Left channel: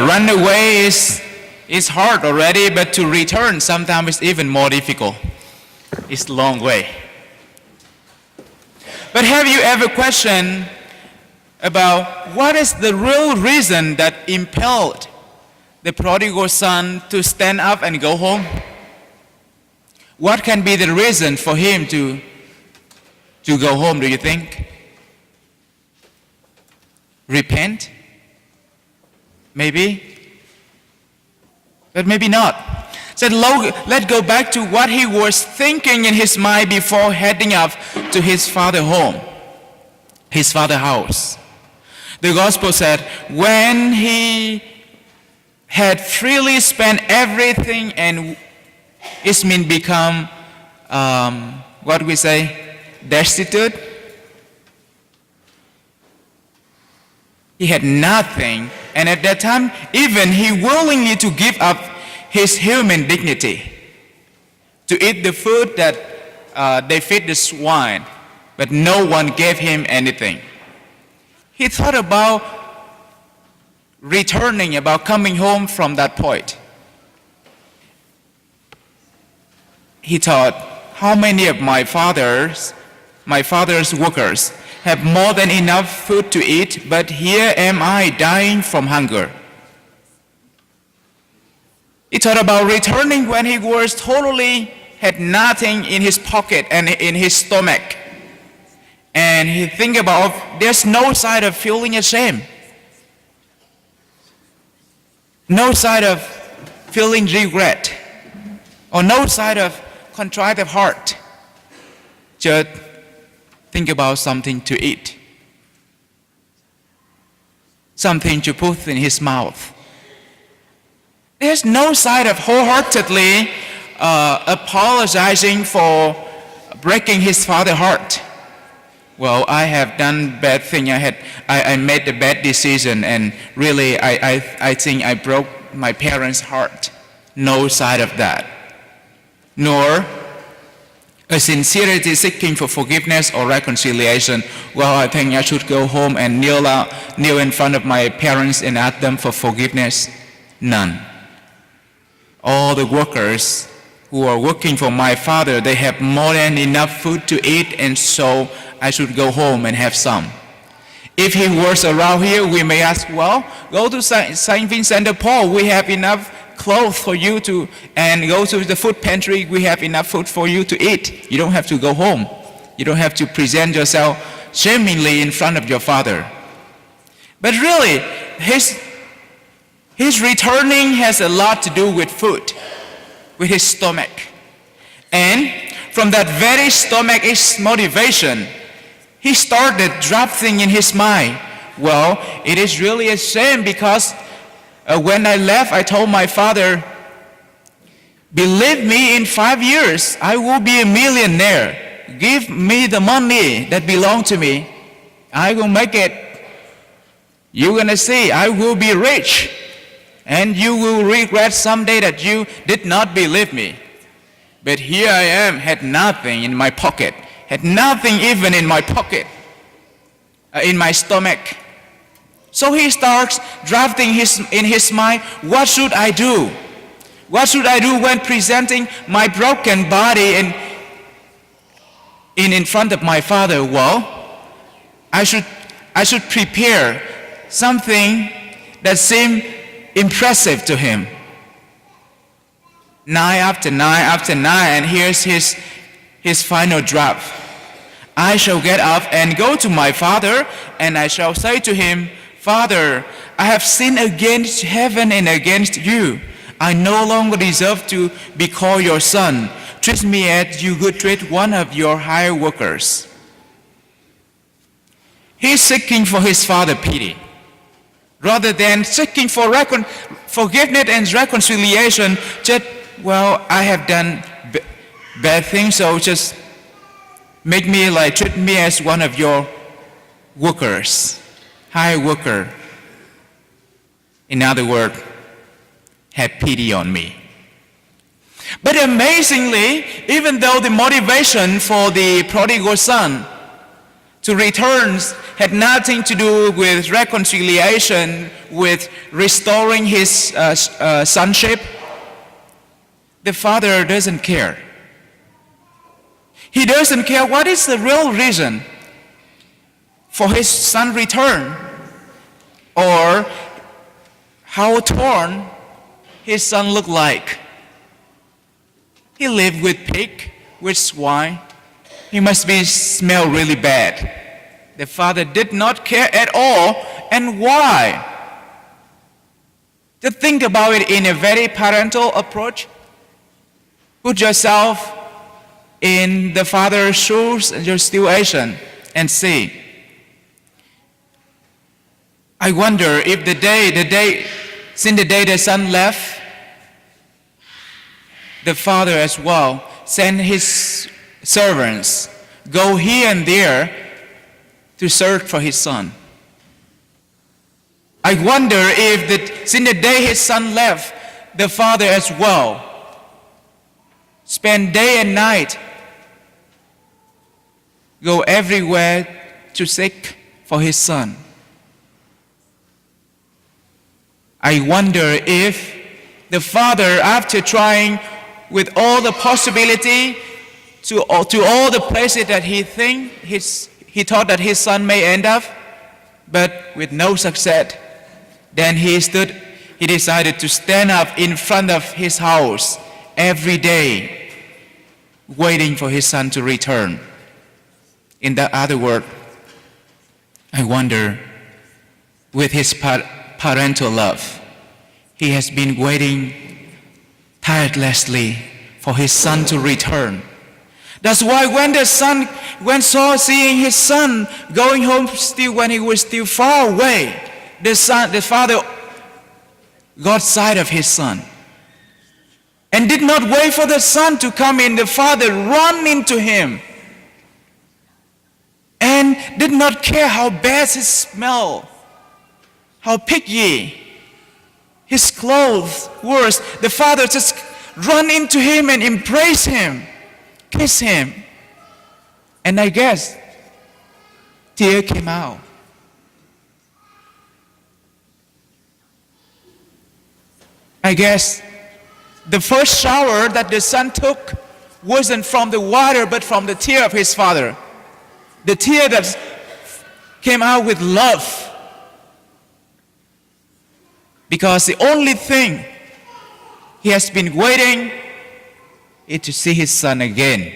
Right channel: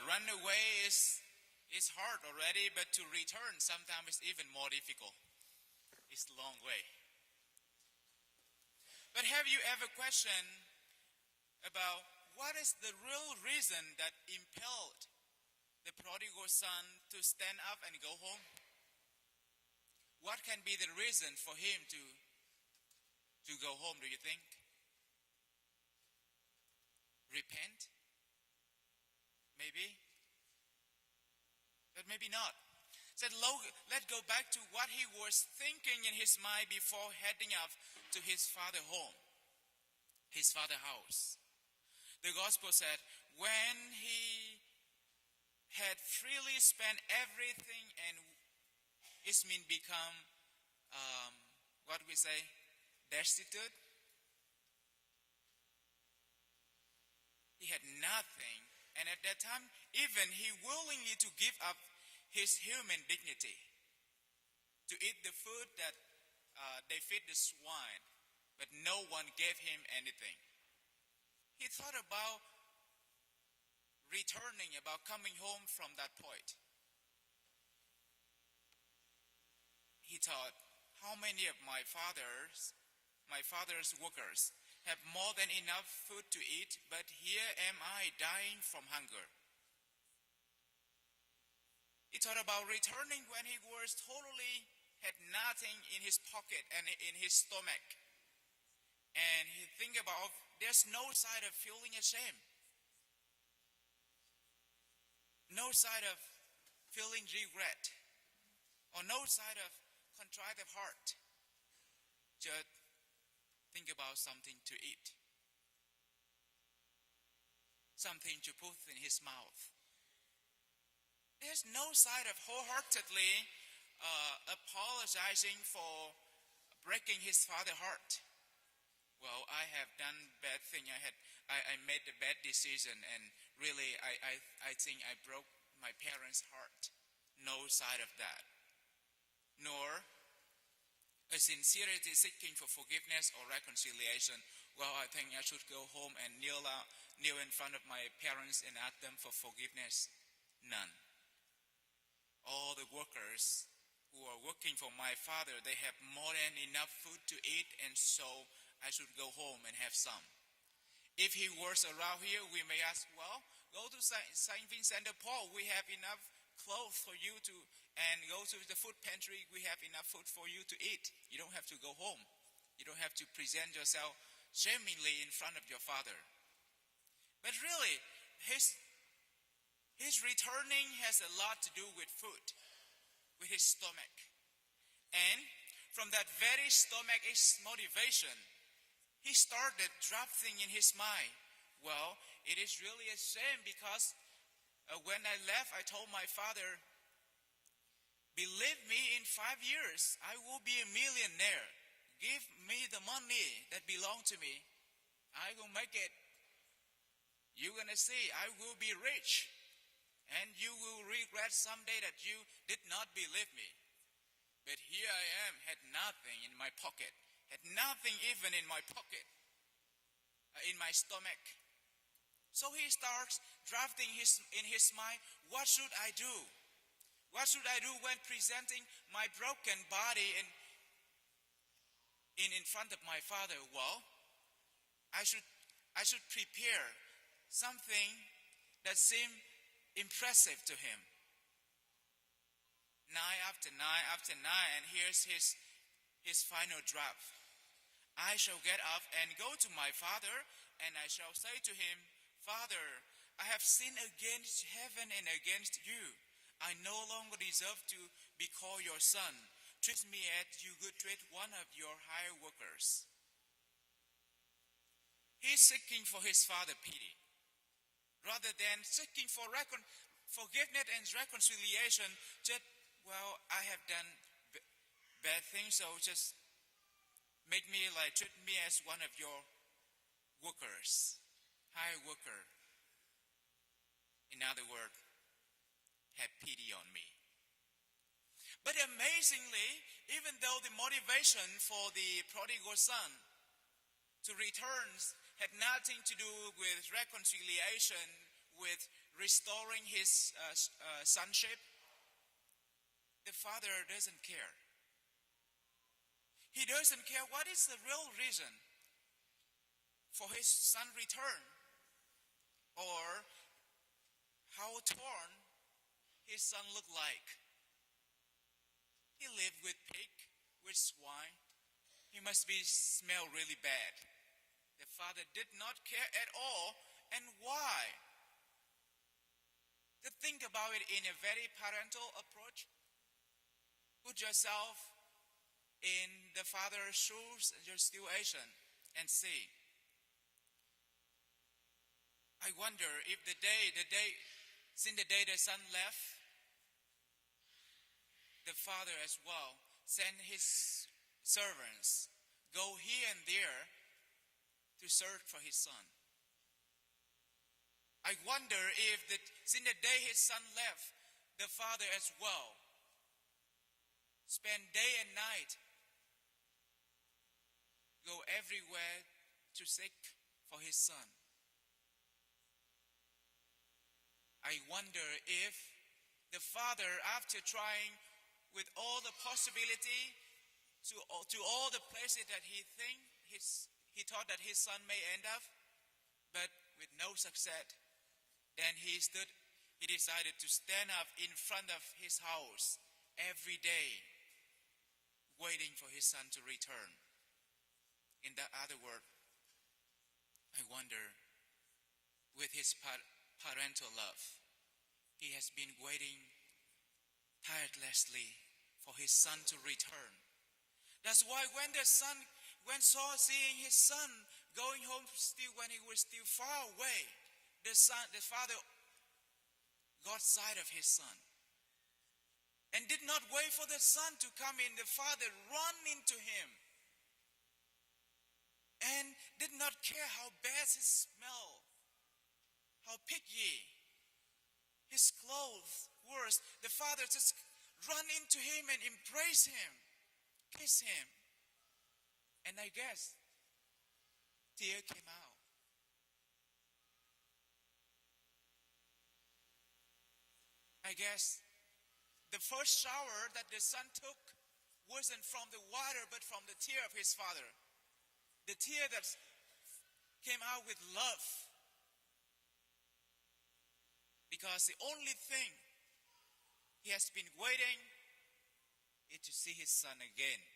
run away is hard already, but to return sometimes is even more difficult. It's a long way. But have you ever questioned about what is the real reason that impelled the prodigal son to stand up and go home? What can be the reason for him to go home, do you think? Repent? Maybe? But maybe not. So let's go back to what he was thinking in his mind before heading up to his father's home, his father's house. The gospel said, when he had freely spent everything and it means become, what we say, destitute. He had nothing, and at that time, even he willingly to give up his human dignity to eat the food that they feed the swine, but no one gave him anything. He thought about returning, about coming home from that point. He thought, how many of my father's workers have more than enough food to eat, but here am I dying from hunger. He thought about returning when he was totally had nothing in his pocket and in his stomach. And he think about there's no side of feeling ashamed. No side of feeling regret. Or no side of contrite of heart. Just think about something to eat. Something to put in his mouth. There's no side of wholeheartedly apologizing for breaking his father's heart. Well, I have done bad thing. I made a bad decision, and really I think I broke my parents' heart. No side of that. Nor a sincerity seeking for forgiveness or reconciliation. Well, I think I should go home and kneel in front of my parents and ask them for forgiveness. None. All the workers who are working for my father, they have more than enough food to eat, and so I should go home and have some. If he was around here, we may ask, well, go to St. Vincent de Paul. We have enough clothes for you to, and go to the food pantry. We have enough food for you to eat. You don't have to go home. You don't have to present yourself shamingly in front of your father. But really, his returning has a lot to do with food, with his stomach. And from that very stomach's motivation, he started drafting in his mind, well, it is really a shame because when I left, I told my father, believe me, in 5 years, I will be a millionaire. Give me the money that belongs to me. I will make it. You're going to see, I will be rich. And you will regret someday that you did not believe me. But here I am, had nothing in my pocket. Had nothing even in my pocket, in my stomach. So he starts drafting in his mind, what should I do? What should I do when presenting my broken body in front of my father? Well, I should prepare something that seemed impressive to him. Night after night after night, and here's his final draft. I shall get up and go to my father, and I shall say to him, Father, I have sinned against heaven and against you. I no longer deserve to be called your son. Treat me as you would treat one of your hired workers. He's seeking for his father's pity. Rather than seeking for forgiveness and reconciliation, just, well, I have done bad things, so just treat me as one of your workers, hired worker. In other words, have pity on me. But amazingly, even though the motivation for the prodigal son to return had nothing to do with reconciliation, with restoring his sonship. The Father doesn't care. He doesn't care what is the real reason for his son return, or how torn his son looked like. He lived with pig, with swine. He must be smell really bad. The Father did not care at all. And why? To think about it in a very parental approach. Put yourself in the Father's shoes and your situation and see. I wonder if since the day the son left, the Father as well sent his servants go here and there to search for his son. I wonder if since the day his son left, the Father as well spent day and night go everywhere to seek for his son. I wonder if the Father, after trying with all the possibility to all the places that he thought that his son may end up, but with no success, then he decided to stand up in front of his house every day, waiting for his son to return. In that other word, I wonder, with his parental love, he has been waiting tirelessly for his son to return. That's why when Saul seeing his son going home still when he was still far away, the father got sight of his son and did not wait for the son to come in. The father ran into him and did not care how bad his smell, how piggy his clothes were. The father just ran into him and embraced him, kissed him. And I guess tear came out. I guess the first shower that the son took wasn't from the water but from the tear of his father. The tear that came out with love. Because the only thing he has been waiting is to see his son again.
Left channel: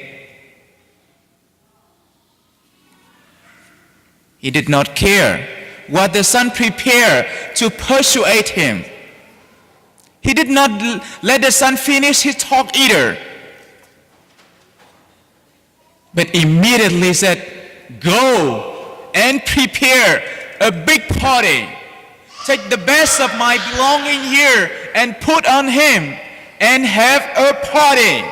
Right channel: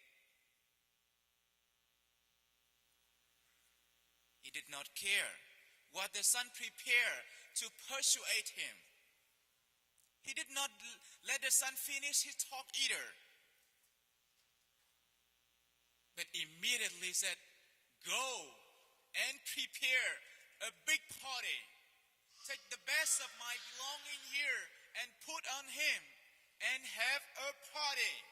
He did not care what the son prepared to persuade him. He did not let the son finish his talk either, but immediately said, "Go and prepare a big party. Take the best of my belonging here and put on him and have a party."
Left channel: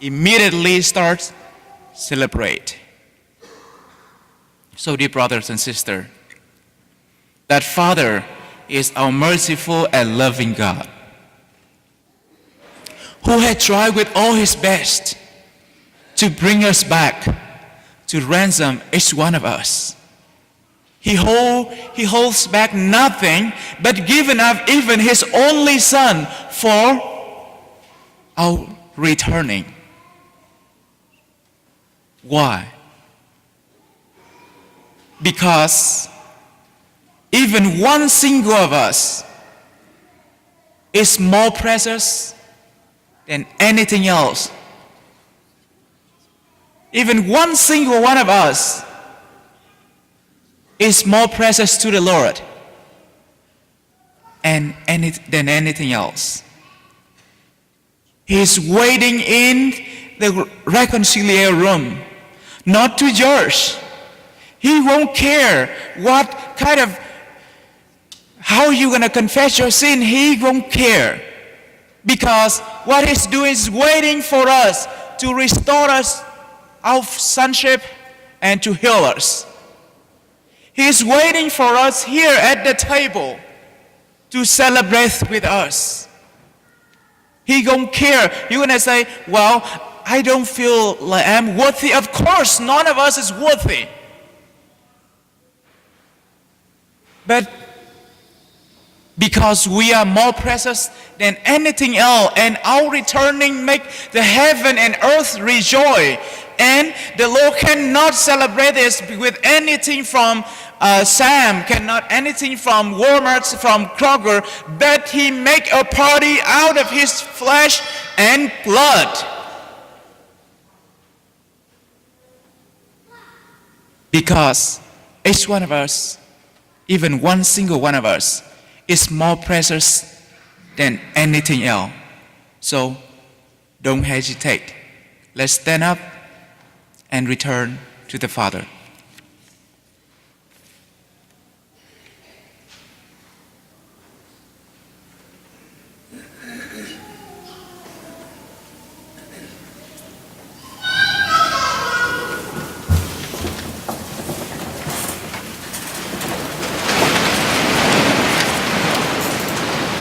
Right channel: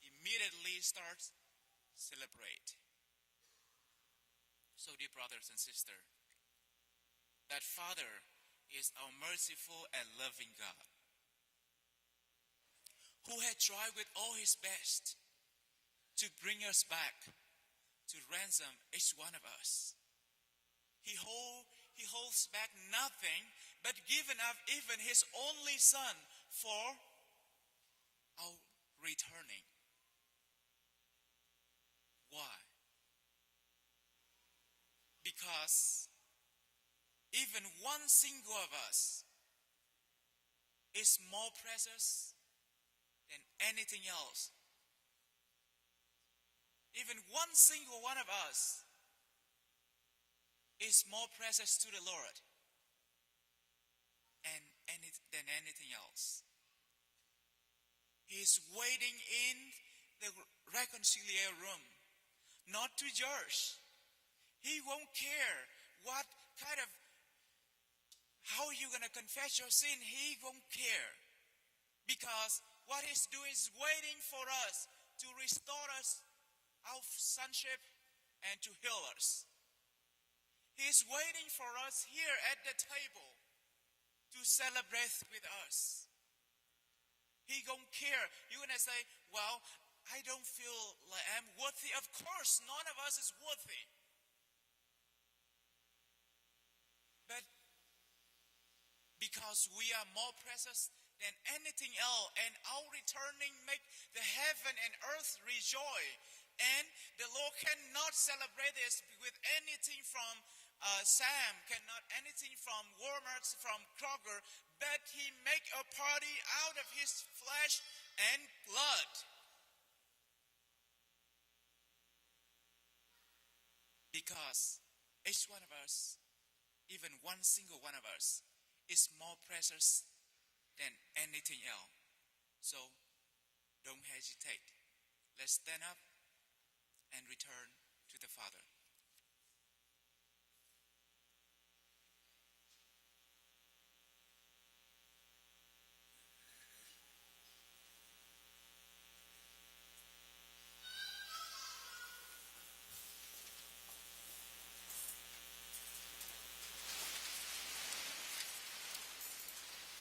Immediately starts celebrate. So, dear brothers and sisters, that Father is our merciful and loving God, who had tried with all his best to bring us back, to ransom each one of us. He holds back nothing but giving up even his only son for our returning. Why? Because even one single of us is more precious than anything else. Even one single one of us is more precious to the Lord than anything else. He is waiting in the reconciliation room, not to judge. He won't care what kind of, how you're going to confess your sin. He won't care. Because what he's doing is waiting for us to restore us our sonship and to heal us. He's waiting for us here at the table to celebrate with us. He don't care. You're going to say, well, I don't feel like I'm worthy. Of course, none of us is worthy. But because we are more precious than anything else, and our returning make the heaven and earth rejoice. And the Lord cannot celebrate this with anything from Sam, cannot anything from Walmart, from Kroger, but He make a party out of His flesh and blood. Because each one of us, even one single one of us, is more precious than anything else. So don't hesitate. Let's stand up and return to the Father.